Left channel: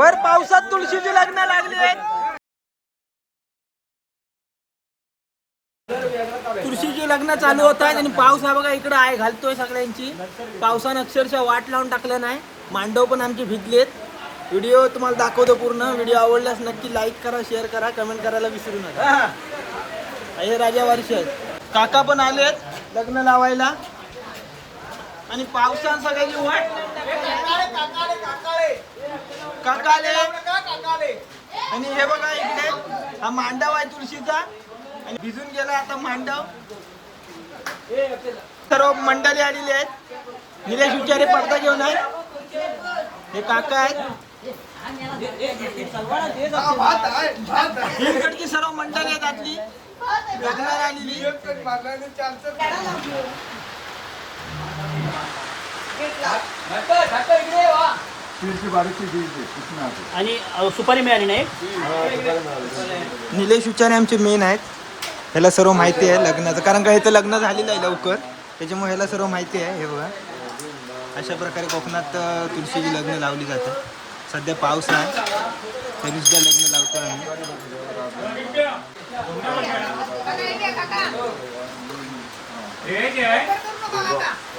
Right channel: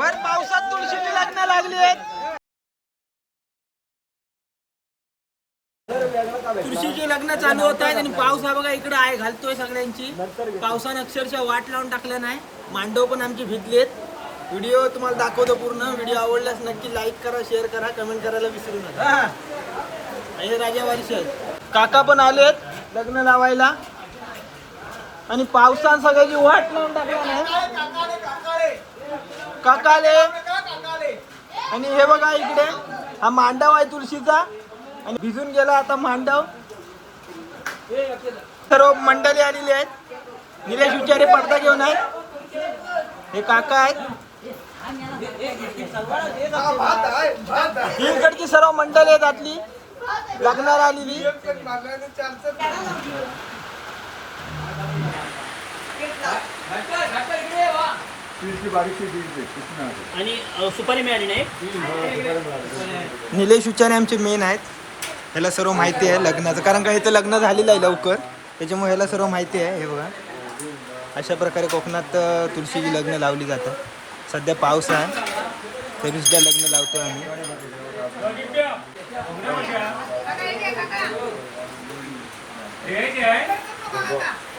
भर पावसात तुळशीची लग्न लागली आहेत. तुळशीची लग्न चालू होत आहेत आणि पाऊस हा बघा इकडं आहे घालतोय सगळ्यांची. पावसानं अक्षरशः वाट लावून टाकलं नाही. मांडव पण आमची भिजलेत व्हिडिओ तुम्हाला दाखवतो पूर्ण. व्हिडिओ आवडल्यास नक्की लाईक करा शेअर करा कमेंट करायला विसरू नका. हे. राजा वर्ष काका पण आलेत लग्न लावायला. आणि पावसान सगळ्याची वाट लावून टाकली. काका आले आणि हे बघा इकडे हा मांडव आहे तुळशीचा. आणि भिजून गेला आता मांडव. सर्व मंडळी आलेली आहेत. निलेश विचारे पडदा घेऊन आहेत. हे काका आहेत. इकडची सर्व मंडळी आहेत आतली. लग्नाला आलेली. आणि अ, सुपारी मिळाली नाही? निलेश विचारे आमचे मेन आहेत. ह्याला सर्व माहिती आहे लग्नाचं. कारण का इथं लग्न झालेलं आहे लवकर. त्याच्यामुळे ह्याला सर्व माहिती आहे हे बघा. अशा प्रकारे कोकणात अ, तुळशीची लग्न लावली जातात. सध्या पाऊस आहे. तरी सुद्धा लग्न लावतो आम्ही.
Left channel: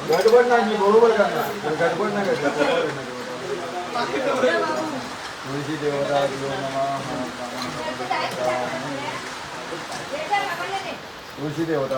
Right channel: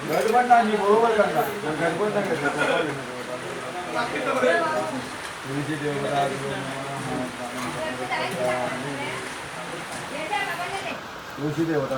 गडबड नाही बरोबर करणार गडबड नाही करणार तुळशी देवता तुळशी देवता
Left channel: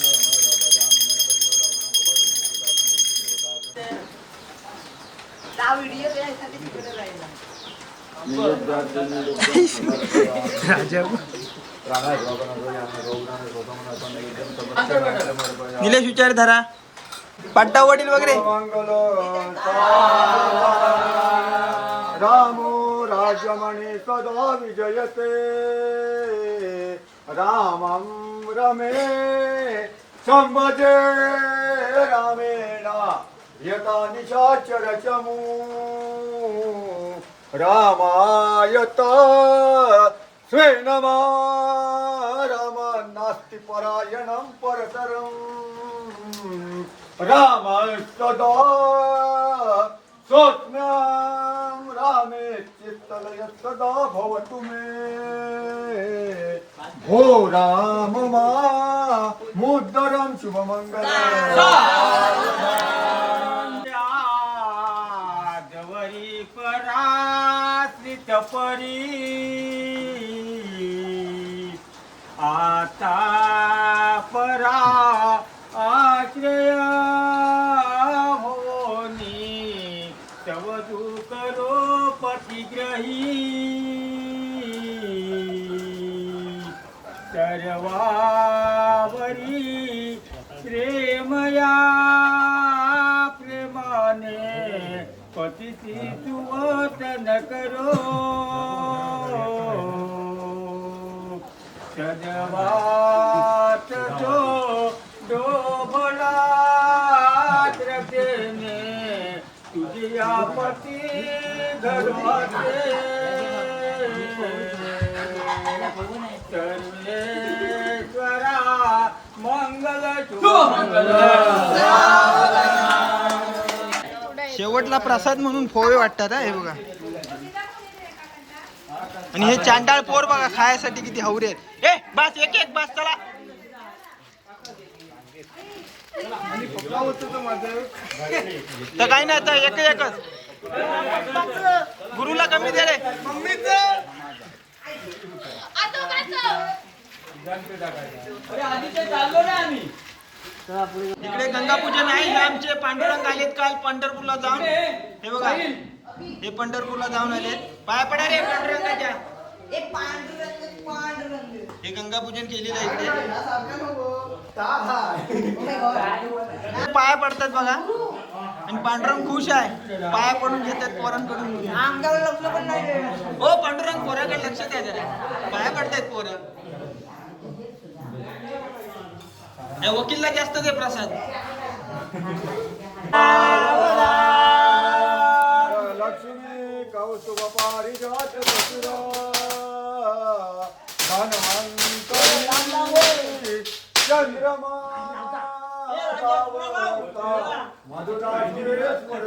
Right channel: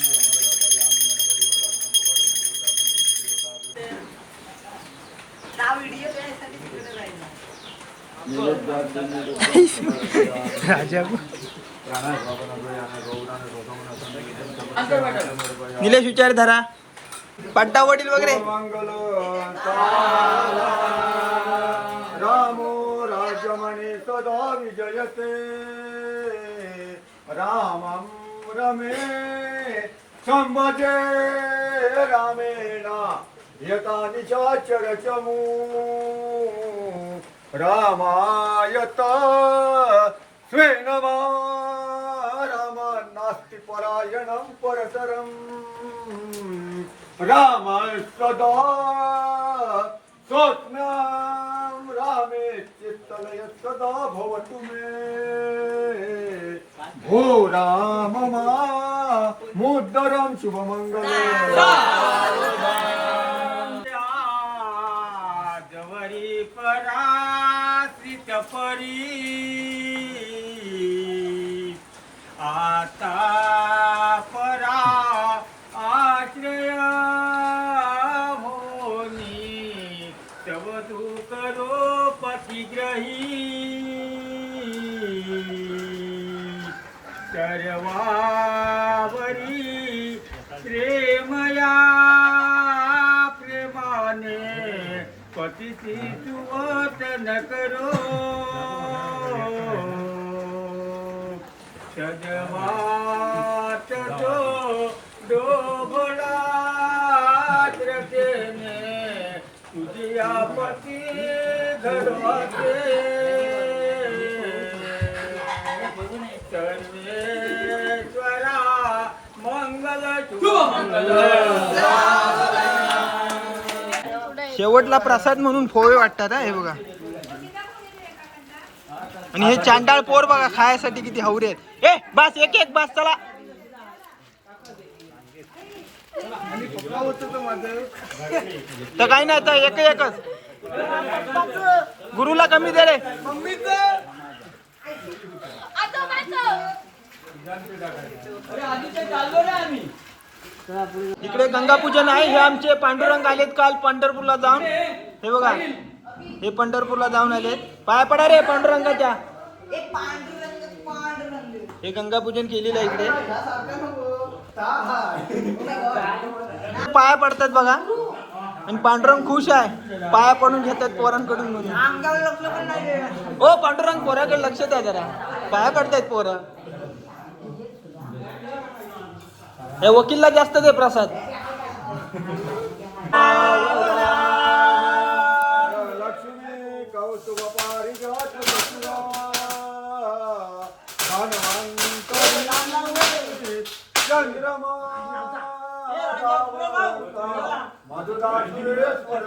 राजा. निलेश विचार धरा. पट्टा वडील वगैरे. मंगल रामो राजमणि सदा विजयते. रामं रमे. संभजे रामेण. यथा निशाचरचमू रामायत स्वेन रामा नास्ति परायणं परतरम् राम सदा स्वप्नं रामे चित्तलय सदा भवतु मे। भो राम मा मुद्दरं जवरी परी आता परा आश्रय होनी तव तू करो पतिग्रही सर्वावरी प्रेमया પતિથી જુવાત ન કરો. સજવાત જો ડોભલાત રખેને તુજી આ પતિ ઘરવાતે મંગલ મંગલ. शेवटला प्रसाद म्हणून फोळे वाटतात हे बघा. आणि हे चांडाळ पोर बघा खायसाठी किती हवरे आहेत. ए बस एक एक बस चला. तर काही नाही तर एक एकच. गुरुला कमी दे रे. इकडे गंगा पूजन आहे हे आमचे पांडुरंग आलेत काल पंढरपूरला जाऊन. हे बघा हे पंढरपूरला जाऊन आले पाया पडा रे पांडुरंगाच्या. हे गंगापूजन केलेलं आहे इकडे. पाया पडतात बघा. आणि पांडुरंग खुश आहे. पाया पडून घेतात पोरांकडून म्हणून हो पांडुरंग पोराकडे लक्ष द्या जरा. पाया पडतायत पोरं. हे वकीलला जास्त दे प्रसाद. लक्ष्मी कौस्तुभ चंद्रमा मधुराश्रीश्वर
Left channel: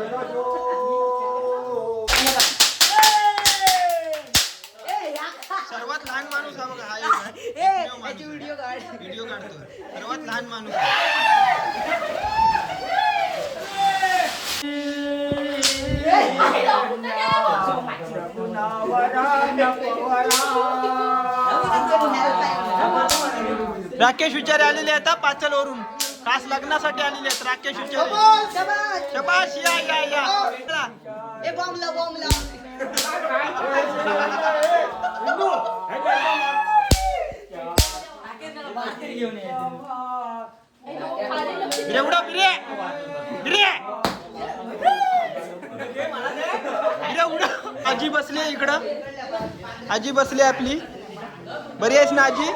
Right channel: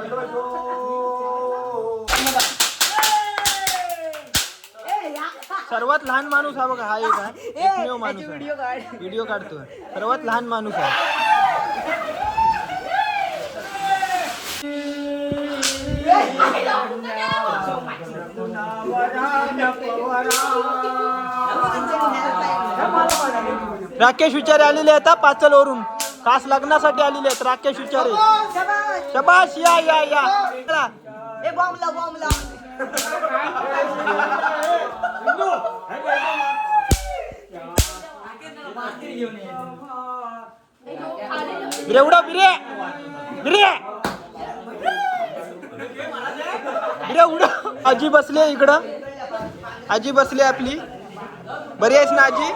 सर्वात लहान माणूस हा बघा हा एक आहे. एकमेव माणूस आहे. व्हिडिओ काढतोय. सर्वात लहान माणूस आहे. राकेश विचारे आलेले आहेत पाचलवरून. खास लग्नासाठी आलेले आहेत राकेश विचारे. शबाश या या या. बिरे उडा बिरे. बिरे. बिरे उडा. आजी बसले इकडं. आजी बसली आपली. बरी आहेस ना आजी?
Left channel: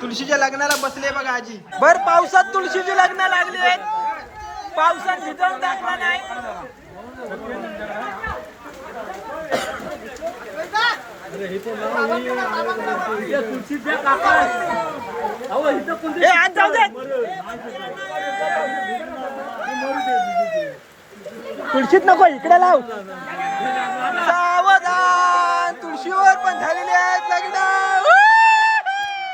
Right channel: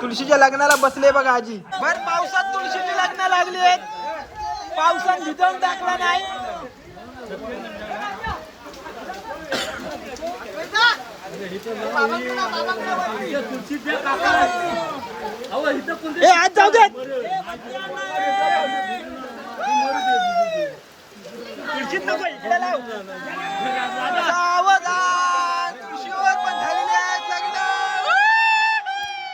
तुळशीच्या लग्नाला बसले बघा आजी. बर पावसात तुळशीची लग्न लागली आहेत. पावसात भिजवून टाकला नाही. ए आज जाऊ दे तुळशीत नको इकडे लाव. सावधान तुळशीवर पण झालेले आहेत लग्न.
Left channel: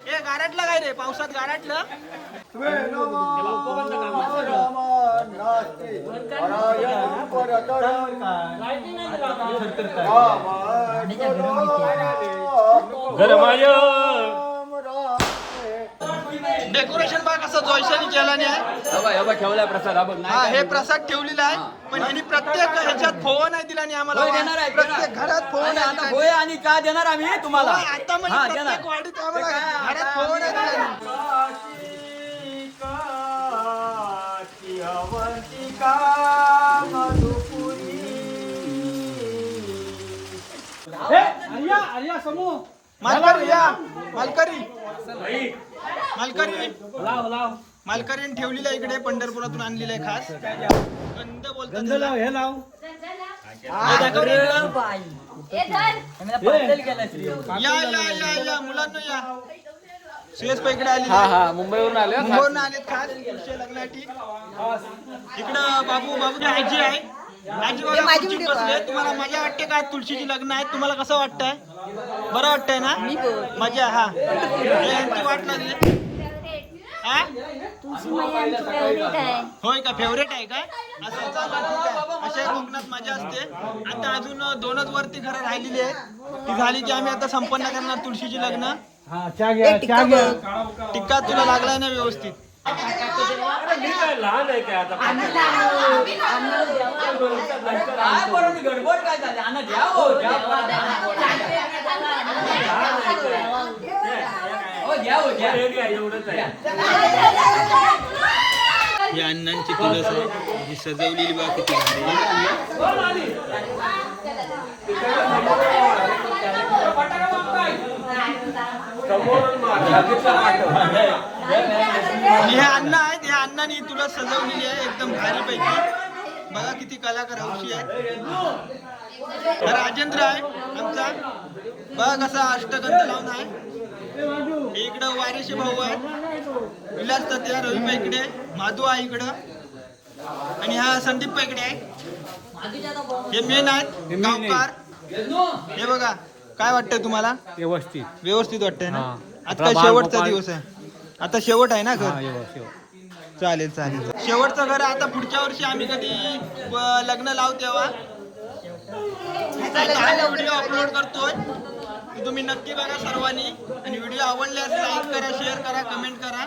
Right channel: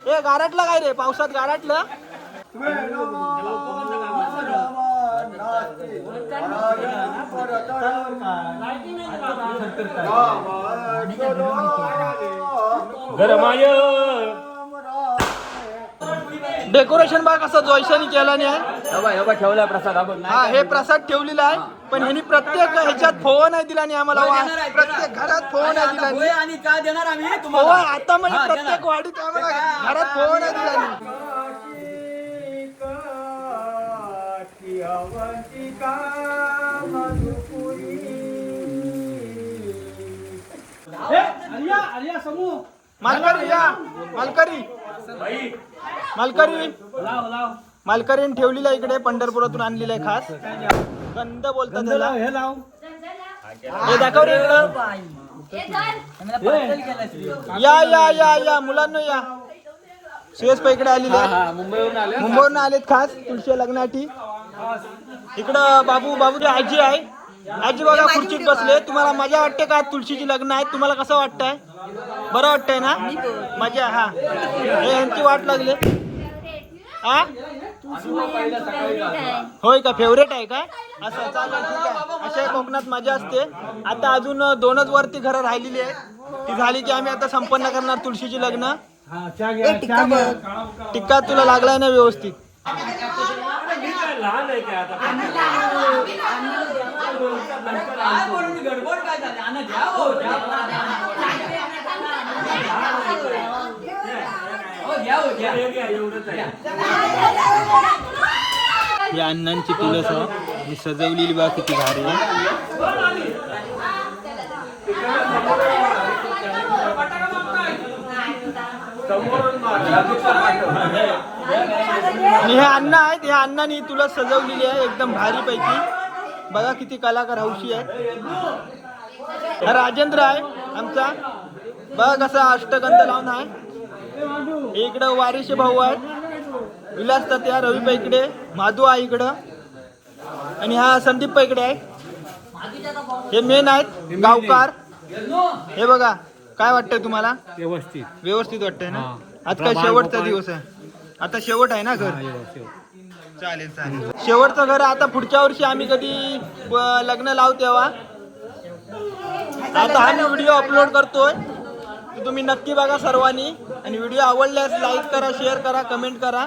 हे गारटलं काय रे? पावसात गारटलं? गरमाय डेकोरेशन बघ कसं जोयशानी केला आहे. ठेवलाय प्रसाद हा प्रसाद ठेवलेला आहे पण ह्यांनी प्रत्येक ह्याच्यात फोन नाही दिला आणि आम्हाला प्रत्येक. घरात फोन दिला. होय आणि का देणार आम्ही तुम्हाला? आता म्हणजे प्रत्येक. वाडीत आम्हाला घरात फोन आहे दिला. मालकरी या. मालकरी. मालकरी. मालकरीने ठेवलेला आहे इकडे पंढरपुरातून आणलेलं आहे खास. गंध बोलतात त्याला. हे दाखव. रे. या या या या. मुलांना या. सुयश पै इकडे आलेले हा आहे. हा. मुंबईवरून आले मुंबईवरून आलेत खास. तुमच्या लग्नासाठी. इकडं बाबू बाबूची आजी आहे. आजी बघा खुर्चीत बसले तुम्हाला मजा वाटते का? तुळशीची लग्न आहे. तुम्हाला कसं वाटतंय? बरं वाटतंय ना? मजा हा. यांची वाट लागली. हा? होय का? फेवरेट आहे का? असं चालेल ठीक आहे. अशा कोकणात मजा असते. आता अजून दोनच वरती घरं राहिलेली आहे ती झाली की आम्ही आता संपन्न करणार तुळशीची लग्न. टिक्का तुला लागलाय ना व्यवस्थित? लहान आहे काय आता गडबड काय झाली आणा द्या हो द्या. हो, द्या हो, द्या. एवढंच आहे ही अण्णांची आहे ही सजवलेली बा किती भारी आहे. हे अण्णा आहेत हे अण्णांनी तुळस सजवलेली आहे एकदम भारी पैकी बघा किती कलाकार हौशी आहेत. हा राजेंद्र आहे आमचा. बघा कसा अष्टगंध लावून आहे. इकडं वारेशे भाऊ आहेत. विलास तत्या रवी पैकडे माधू आहे इकडं. आणि हा संदीप पैकडे आहे. हे मेन आहेत गावकार. हे बघा काय वाटतंय तुम्हाला? व्यवस्थित. व्यवस्थित वाटतंय ना. आता शेवटचा. दिवस आहे. आता शेवट आहे ना घर? चालेल चालेल. शेवटचं घर आता पुढच्या वर्षी आम्ही कधी अं, लग्न लावू तेव्हा? आता आम्ही व्हिडिओ अपलोड करतोय. तर तुम्ही नक्की बघा सर्वांनी. आणि व्हिडिओ आवडल्यास लाईक करा शेअर करा कमेंट करा.